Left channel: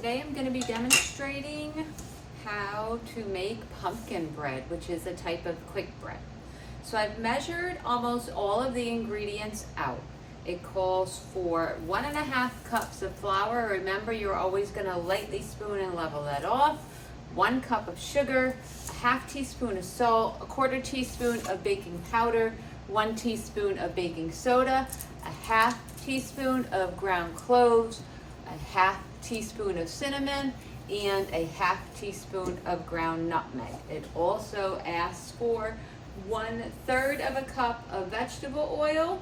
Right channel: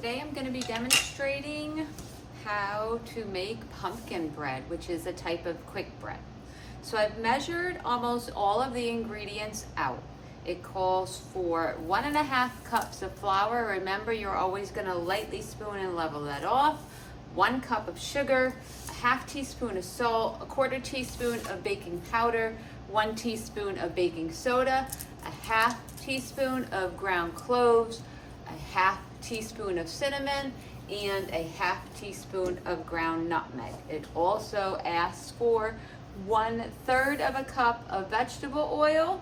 Today I'm going to be demonstrating how to make pumpkin bread, which is a type of quick bread. So I've measured almost all of the ingredients out. It calls for 1.5 cups of flour. Remember, you're always going to lightly spoon and level that off. 1 cup of sugar, a 1/2 teaspoon of salt, a 1/4 teaspoon of baking powder, 1 teaspoon of baking soda, a 1/2 teaspoon of ground cloves, a 1/2 teaspoon of cinnamon, and a 1/2 teaspoon of ground nutmeg. It also asks for 1/3 of a cup of vegetable oil,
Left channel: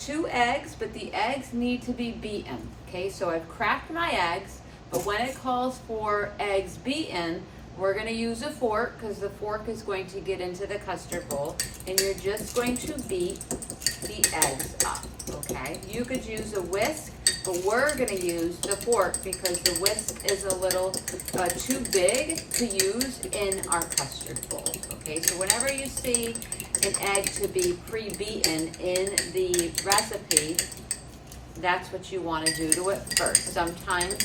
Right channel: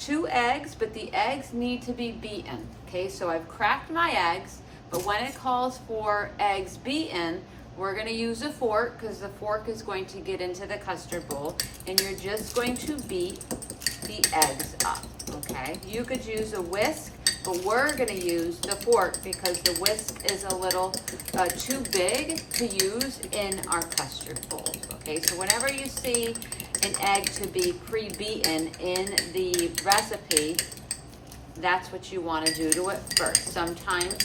2 eggs, but the eggs need to be beaten. Okay, so I've cracked my eggs, but when it calls for eggs beaten, we're going to use a fork because the fork is going to get into the custard bowl, and you're just going to beat the eggs up. Okay, you could use a whisk, but we're going to use the fork because the whisk is a little too big to use in our custard bowl. Okay, so whenever you see an egg to be pre-beaten in the recipe, that's what you want to do to it first. Sometimes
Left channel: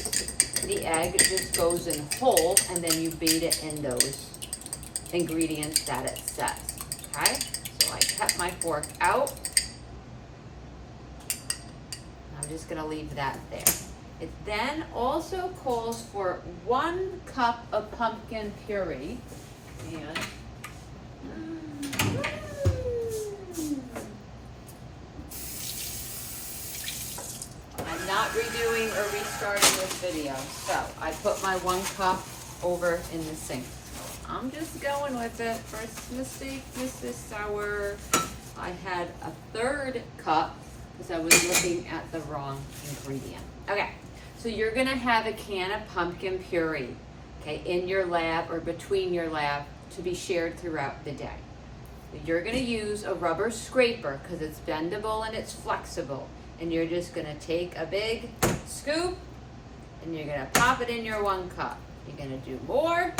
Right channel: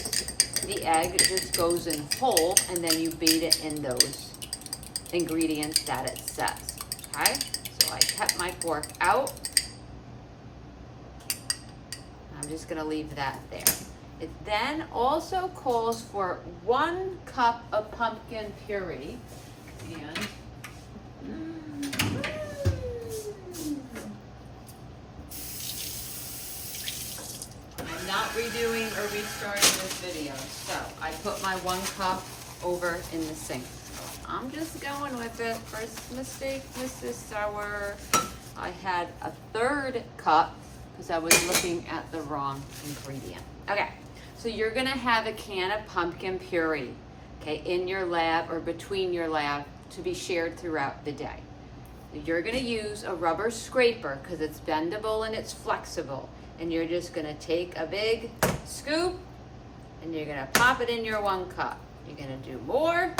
the egg just goes in whole and then you beat it in those ingredients that it says. Okay, so I kept my fork out. I'm just going to leave that there. It then also calls for 1 cup of pumpkin puree. And I'm not redoing or restarting this video. So I put my 1 cup over in the sink. I'm just going with it. First mistake, Mrs. Sour. I had a 1/3 cup because I was looking at the wrong ingredient. Okay, so you're gonna have a can of pumpkin puree, okay, in your lab or between your lab to be shared throughout the day. You're gonna use a rubber scraper because it's bendable and it's flexible. And you're just gonna take a big scoop and you're gonna pop it in your 1 cup. You're gonna do more,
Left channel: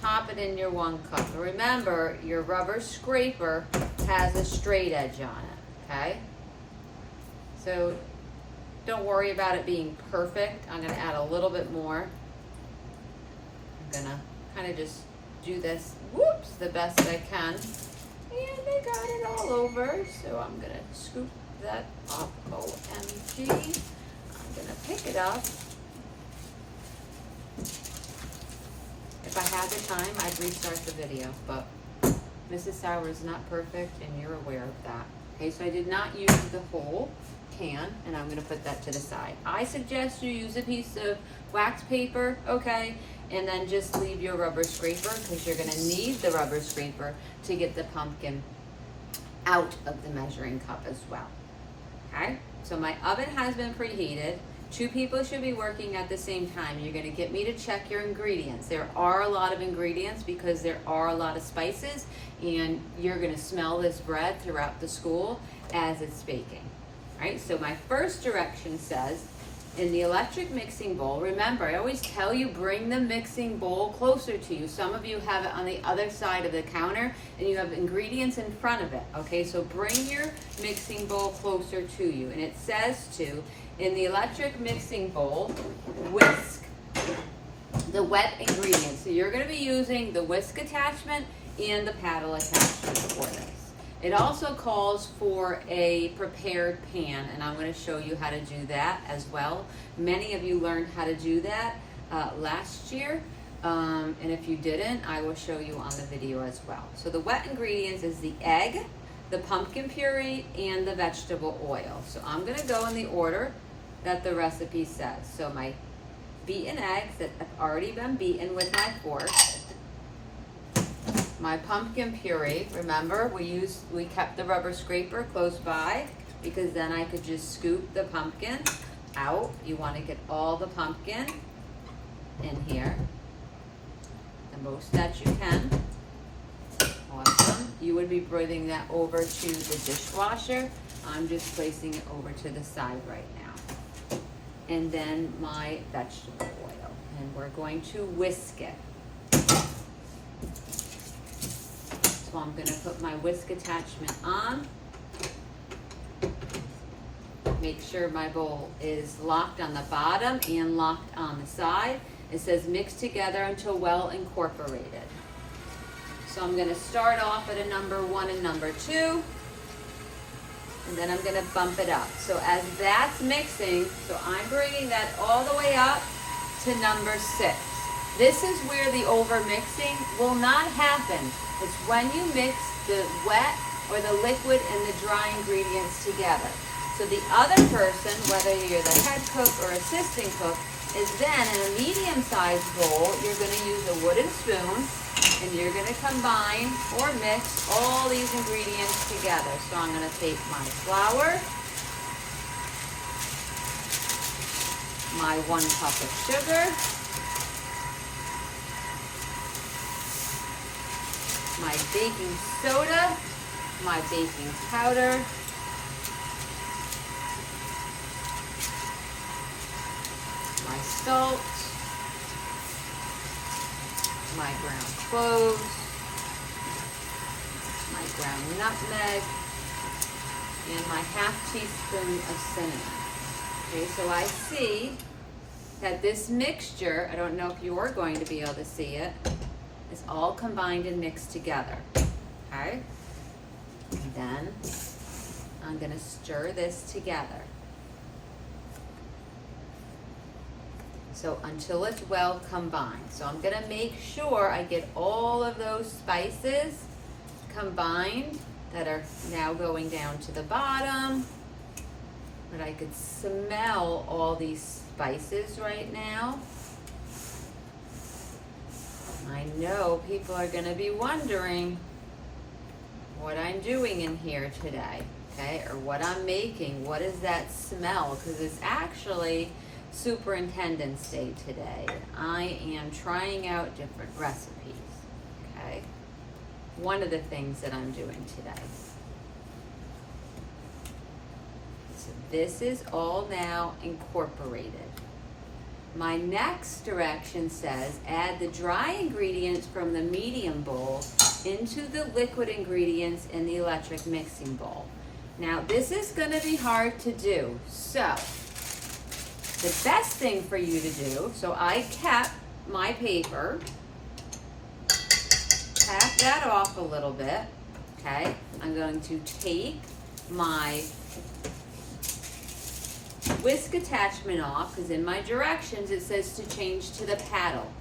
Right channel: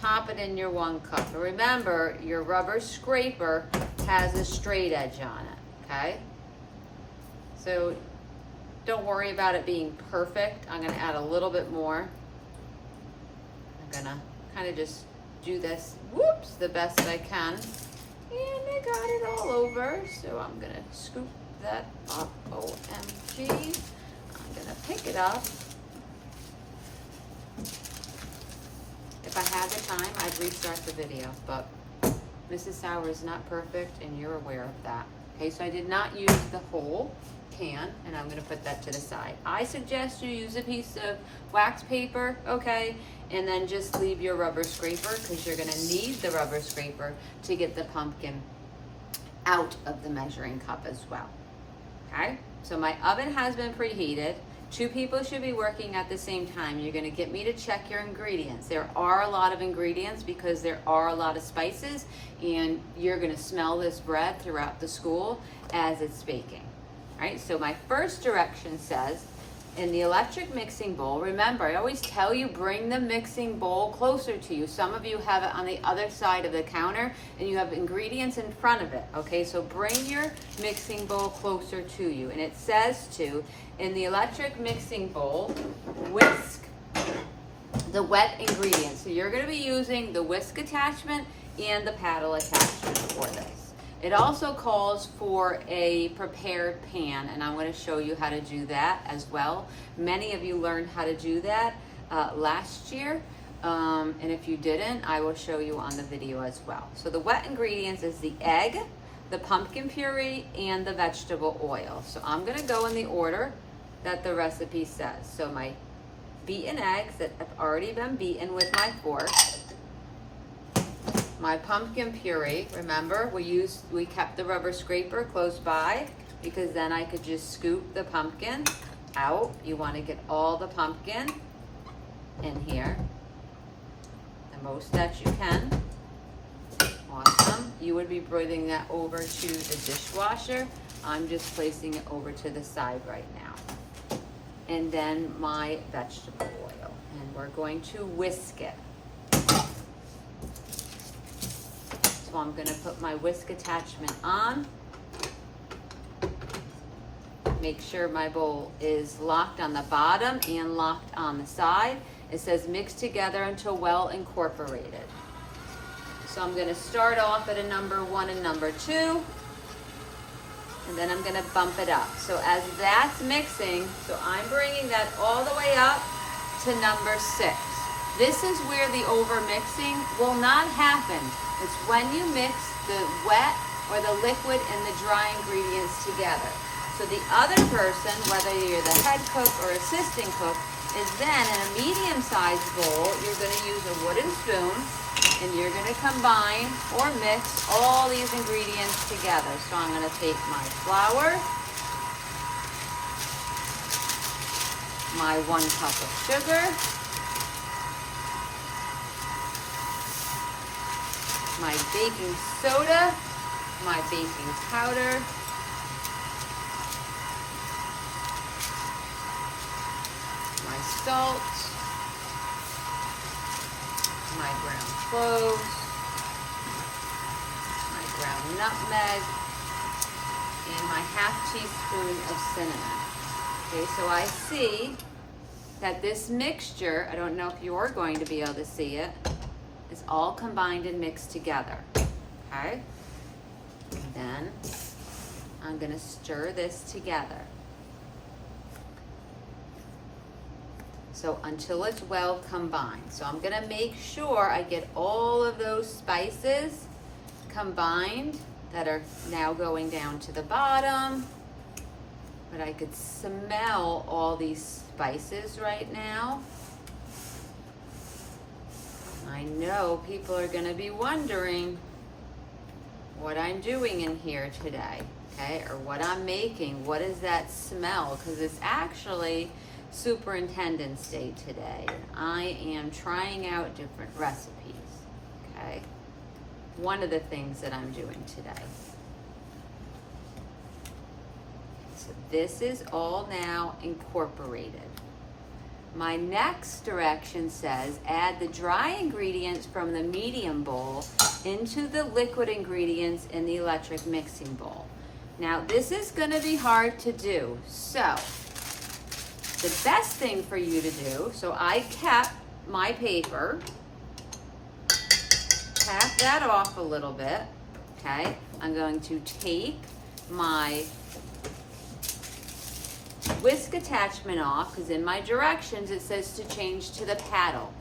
pop it in your 1 cup. But remember, your rubber scraper has a straight edge on it, okay? So don't worry about it being perfect. I'm gonna add a little bit more. I'm gonna kind of just do this, whoops, the best I can. And I got it all over, so I'm gonna scoop that up. OMG. I'm gonna pick it up. If I had the time, I'd restart the video, but Mrs. Sour is not perfect and you're aware of that. Okay, so I did not use the whole can, and I'm going to put that to the side. I suggest you use a piece of wax paper, okay, and then just leave your rubber scraper because you're going to need the rubber scraper to get the pumpkin out of the measuring cup as well. Okay, so my oven has been preheated. 2 people should be working at the same time. You're going to get me to check your ingredients. There are a lot of ingredients because there are a lot of spices, and you're going to smell this bread throughout the school as it's baking. Right, so my first direction says, in the electric mixing bowl, remember, I always tell you, bring the mixing bowl closer to you. Some of you have it on the other side of the counter and you have ingredients in front of it. Okay, so bring your mixing bowl closer to you. And it says to, in the electric mixing bowl, whisk the wet ingredients. So you're going to be using the whisk attachment and the paddle attachment for this. It also calls for a prepared pan, and I'm going to show you how to do that as well. Many of you learned how to do that last year, and if you didn't, I will show you on the video as well. So the wet ingredients is the egg, the pumpkin puree, and the vegetable oil. So I'm going to go in the order that the recipe says. So my beaten eggs that have already been beaten with my fork. My pumpkin puree, remember we kept the rubber scraper close by because then I could just scoop the pumpkin out. You want to get all the pumpkin in here, the most that you can. Awesome. You would be bringing that over to the dishwasher. I'm just placing it over to the side right now. And then my vegetable oil, and we're going to whisk it. So I'm going to put my whisk attachment on. make sure my bowl is locked on the bottom and locked on the side. It says mix together until well incorporated. So I'm going to start off at a number 1 and number 2, and then I'm going to bump it up. So as that's mixing, so I'm bringing that all the way up to number 6. This is where the over mixing will not happen. It's when you mix the wet or the liquid and the dry ingredients together. So the other person, whether you're the head cook or assistant cook, is then in a medium-sized bowl, you're going to use a wooden spoon and you're going to combine or mix all these ingredients together. So I'm going to take my flour, my 1 cup of sugar, my baking soda, my baking powder, my salt, my ground cloves, my ground nutmeg, and my ½ teaspoon of cinnamon. Okay, so I see that this mixture, I don't know if you're going to be able to see it, is all combined and mixed together. Okay? And then I'm going to stir this together. So until it's well combined. So I'm gonna make sure I get all of those spices combined that are now going down to the bottom. But I could smell all these spices right now. I know people are gonna be wondering what I'm doing in here today, okay? Or what I'm making, what is that smell? Because it's actually Superintendent's Day today. I am trying out different recipes, okay? One of the things that I'm doing today. So this is all now incorporated. My next direction says add the dry ingredients from the medium bowl into the liquid ingredients in the electric mixing bowl. Now this is going to be hard to do, so the best thing for you to do, so I kept my paper, tap that off a little bit, okay? I'm going to take my whisk attachment off, because in my directions it says to change to the paddle.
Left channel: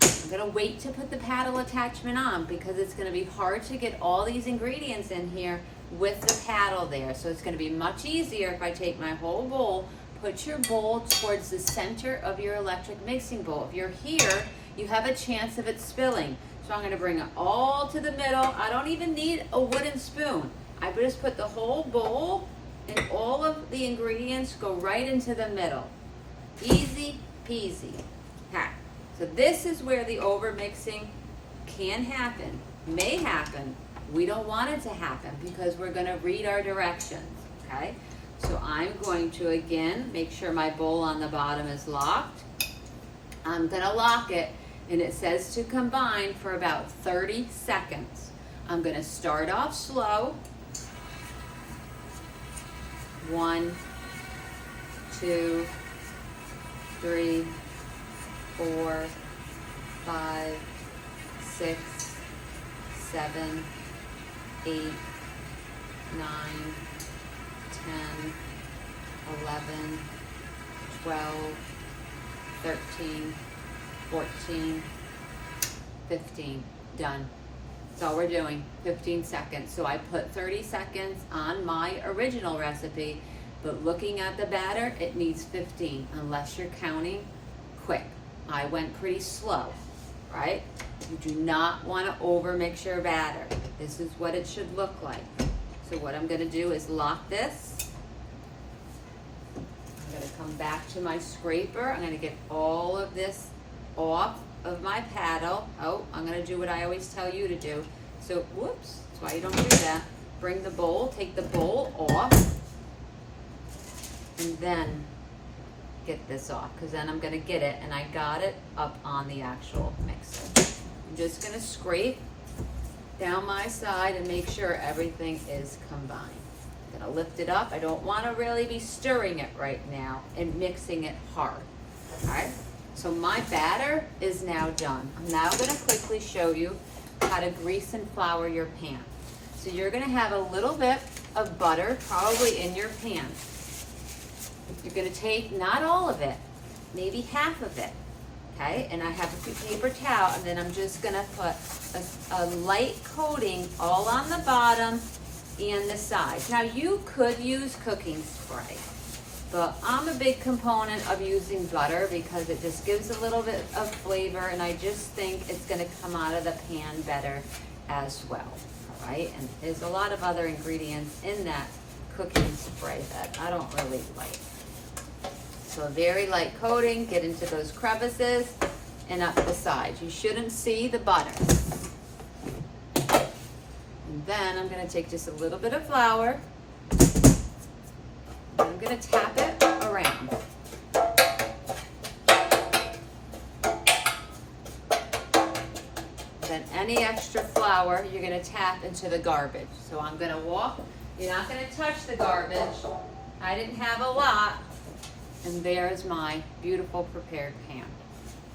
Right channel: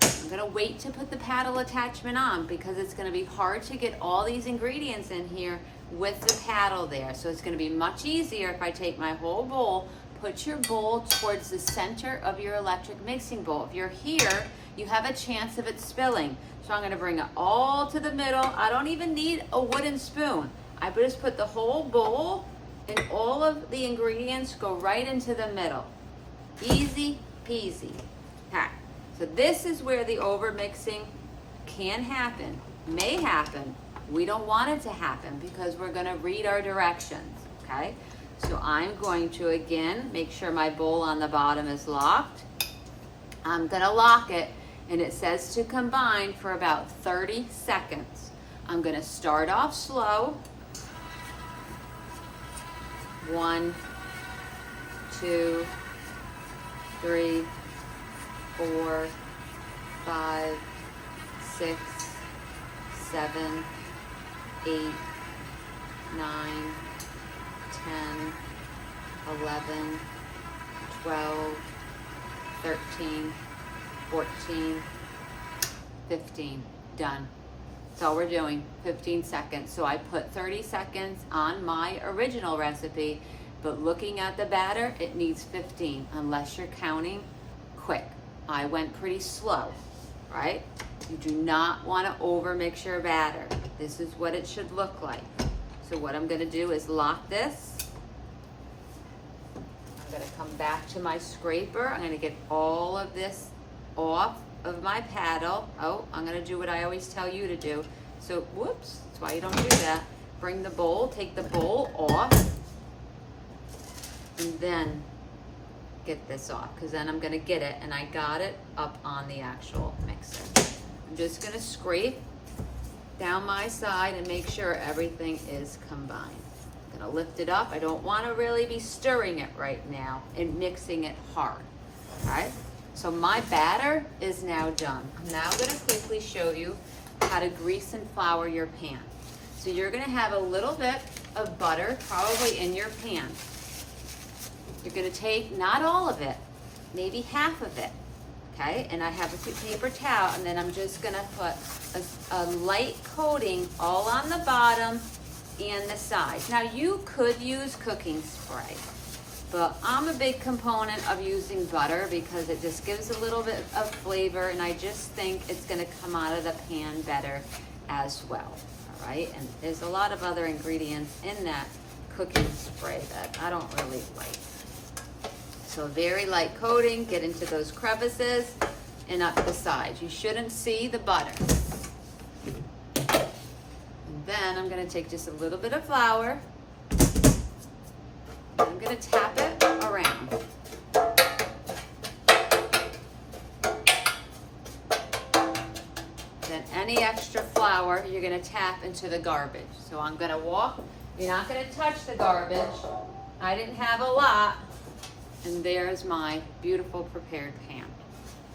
I'm gonna wait to put the paddle attachment on because it's gonna be hard to get all these ingredients in here with the paddle there. So it's gonna be much easier if I take my whole bowl. Put your bowl towards the center of your electric mixing bowl. If you're here, you have a chance of it spilling. So I'm gonna bring it all to the middle. I don't even need a wooden spoon. I just put the whole bowl and all of the ingredients go right into the middle. Easy peasy. Okay. So this is where the over mixing can happen, may happen. We don't want it to happen because we're gonna read our directions, okay? So I'm going to, again, make sure my bowl on the bottom is locked. I'm gonna lock it, and it says to combine for about 30 seconds. I'm gonna start off slow. 1, 2, 3, 4, 5, 6, 7, 8, 9, 10, 11, 12, 13, 14, 15. Done. That's all we're doing, 15 seconds. So I put 30 seconds on my original recipe, but looking at the batter, it needs 15, unless you're counting quick. I went pretty slow, right? You do not want to over mix your batter. This is what it should look like. So what I'm gonna do is lock this. I'm gonna come back to my scraper. I'm gonna get all of this off of my paddle. Oh, I'm gonna do what I always tell you to do. So, whoops, that's why you don't do that. Bring the bowl, take the bowl off, and then get this off, because then I'm gonna get it, and I got it up on the actual mixer. I'm just gonna scrape down my side and make sure everything is combined. Gonna lift it up. I don't wanna really be stirring it right now and mixing it hard, okay? So my batter is now done. I'm now gonna quickly show you how to grease and flour your pan. So you're gonna have a little bit of butter probably in your pan. You're gonna take, not all of it, maybe half of it, okay? And I have a paper towel, and then I'm just gonna put a light coating all on the bottom and the sides. Now you could use cooking spray, but I'm a big component of using butter because it just gives a little bit of flavor, and I just think it's gonna come out of the pan better as well, all right? And there's a lot of other ingredients in that cooking spray that I don't really like. So a very light coating, get into those crevices and up the sides. You shouldn't see the butter. And then I'm gonna take just a little bit of flour. I'm gonna tap it around. Then any extra flour, you're gonna tap into the garbage. So I'm gonna walk, you're not gonna touch the garbage. I didn't have a lot. And there's my beautiful prepared pan.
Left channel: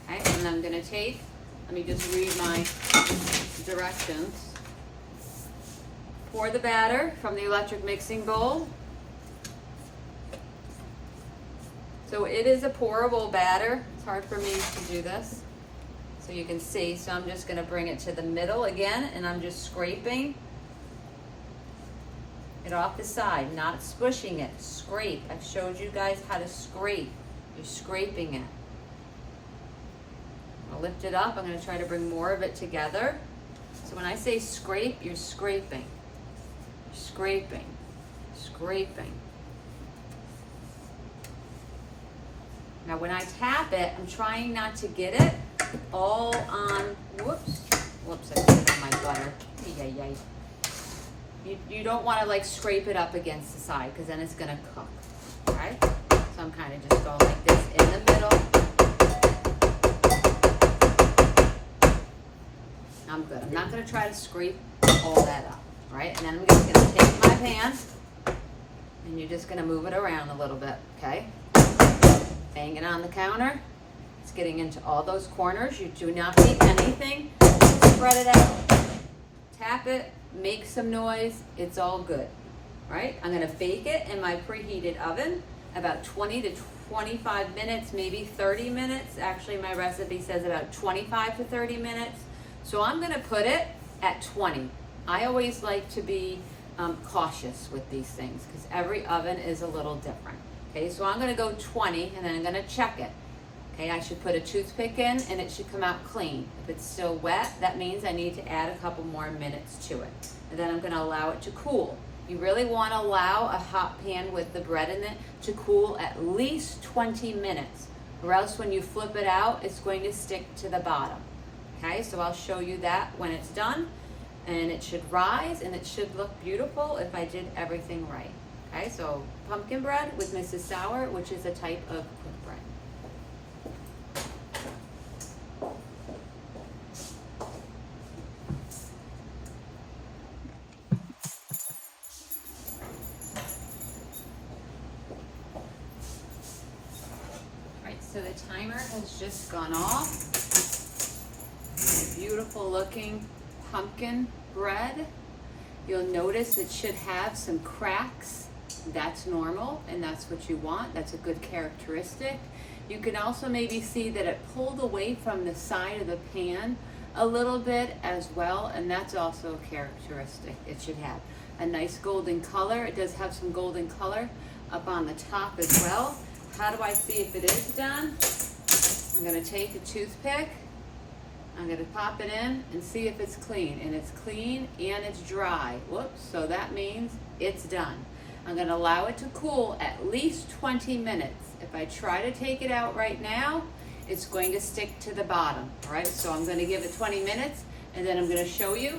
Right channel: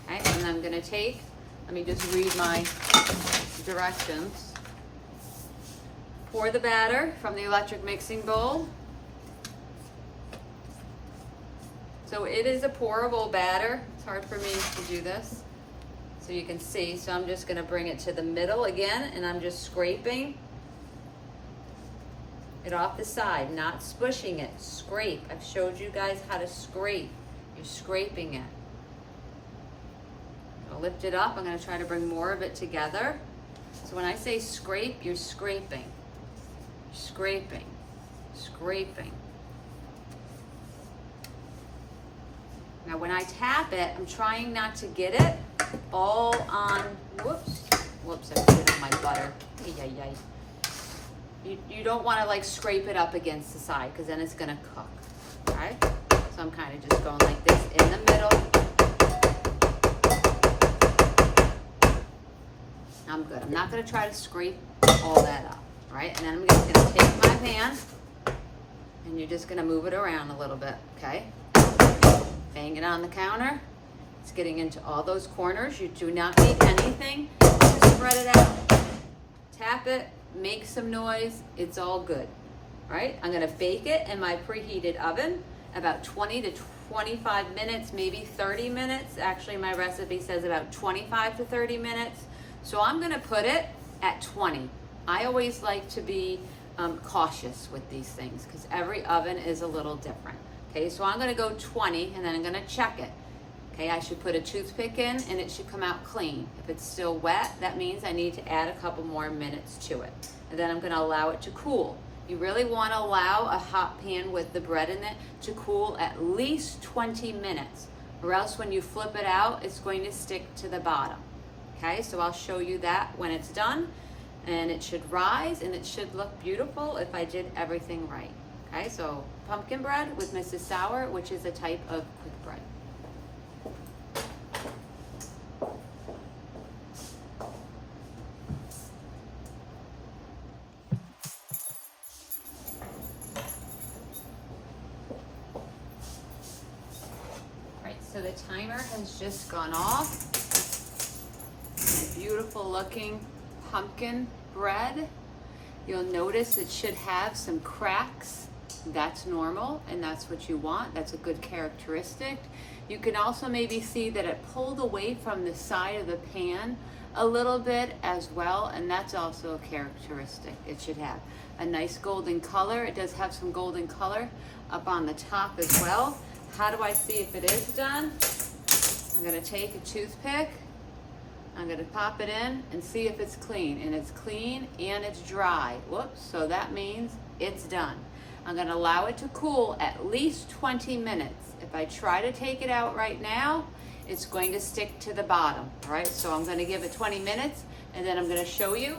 Okay, and I'm gonna take, let me just read my directions. Pour the batter from the electric mixing bowl. So it is a pourable batter. It's hard for me to do this, so you can see. So I'm just gonna bring it to the middle again, and I'm just scraping it off the side, not spushing it. Scrape. I've showed you guys how to scrape. You're scraping it. I'll lift it up. I'm going to try to bring more of it together. So when I say scrape, you're scraping. Scraping. Scraping. Now when I tap it, I'm trying not to get it all on, whoops, I put it on my butter. Yay. You don't want to like scrape it up against the side because then it's going to cook, right? So I'm kind of just going like this in the middle. I'm good. I'm not going to try to scrape all that up, right? And then I'm just going to take my pan and you're just going to move it around a little bit, okay? Bang it on the counter. It's getting into all those corners. You do not need anything. Just spread it out. Tap it. Make some noise, it's all good, right? I'm gonna bake it in my preheated oven about 20 to 25 minutes, maybe 30 minutes. Actually, my recipe says about 25 to 30 minutes. So I'm gonna put it at 20. I always like to be cautious with these things because every oven is a little different. Okay, so I'm gonna go 20 and then I'm gonna check it. Okay, I should put a toothpick in and it should come out clean. If it's still wet, that means I need to add a couple more minutes to it. And then I'm gonna allow it to cool. You really wanna allow a hot pan with the bread in it to cool at least 20 minutes, or else when you flip it out, it's going to stick to the bottom. Okay, so I'll show you that when it's done, and it should rise and it should look beautiful if I did everything right. Okay, so pumpkin bread with Mrs. Sour, which is a type of quick bread. So the timer has just gone off. Beautiful looking pumpkin bread. You'll notice it should have some cracks. That's normal and that's what you want. That's a good characteristic. You can also maybe see that it pulled away from the side of the pan a little bit as well, and that's also a characteristic. It should have a nice golden color. It does have some golden color up on the top as well. How do I see if it is done? I'm gonna take a toothpick, I'm gonna pop it in and see if it's clean. And it's clean and it's dry. Whoops, so that means it's done. I'm gonna allow it to cool at least 20 minutes. If I try to take it out right now, it's going to stick to the bottom, all right? So I'm gonna give it 20 minutes and then I'm gonna show you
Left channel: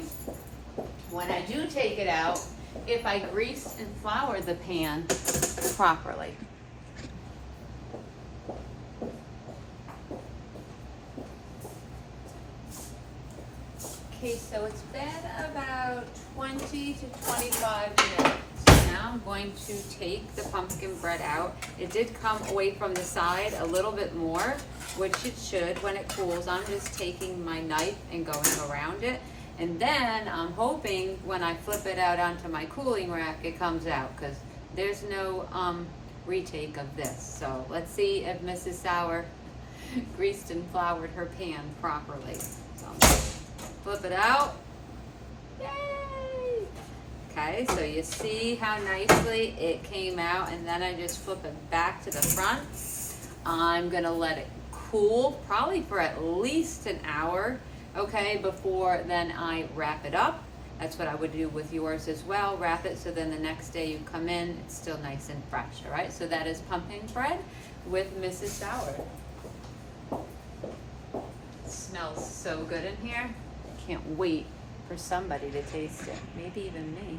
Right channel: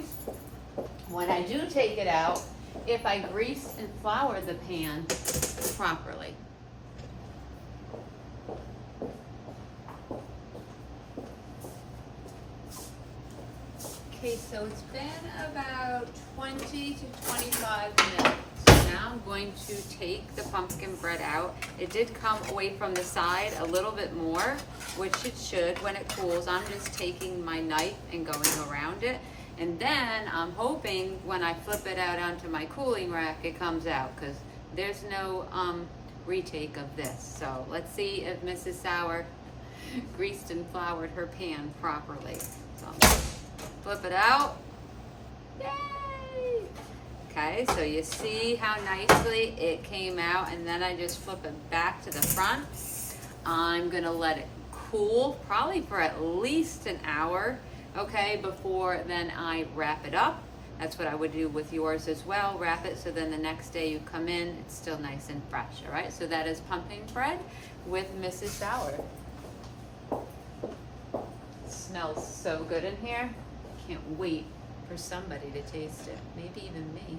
when I do take it out, if I grease and flour the pan properly. Okay, so it's been about 20 to 25 minutes. Now now I'm going to take the pumpkin bread out. It did come away from the side a little bit more, which it should when it cools. I'm just taking my knife and going around it. And then I'm hoping when I flip it out onto my cooling rack, it comes out, because there's no retake of this. So let's see if Mrs. Sauer greased and floured her pan properly. So I'm gonna flip it out. Yay! Okay, so you see how nicely it came out, and then I just flip it back to the front. I'm gonna let it cool probably for at least an hour, okay, before then I wrap it up. That's what I would do with yours as well. Wrap it so then the next day you come in, it's still nice and fresh, all right? So that is pumpkin bread with Mrs. Sauer. It smells so good in here. I can't wait for somebody to taste it, maybe even me.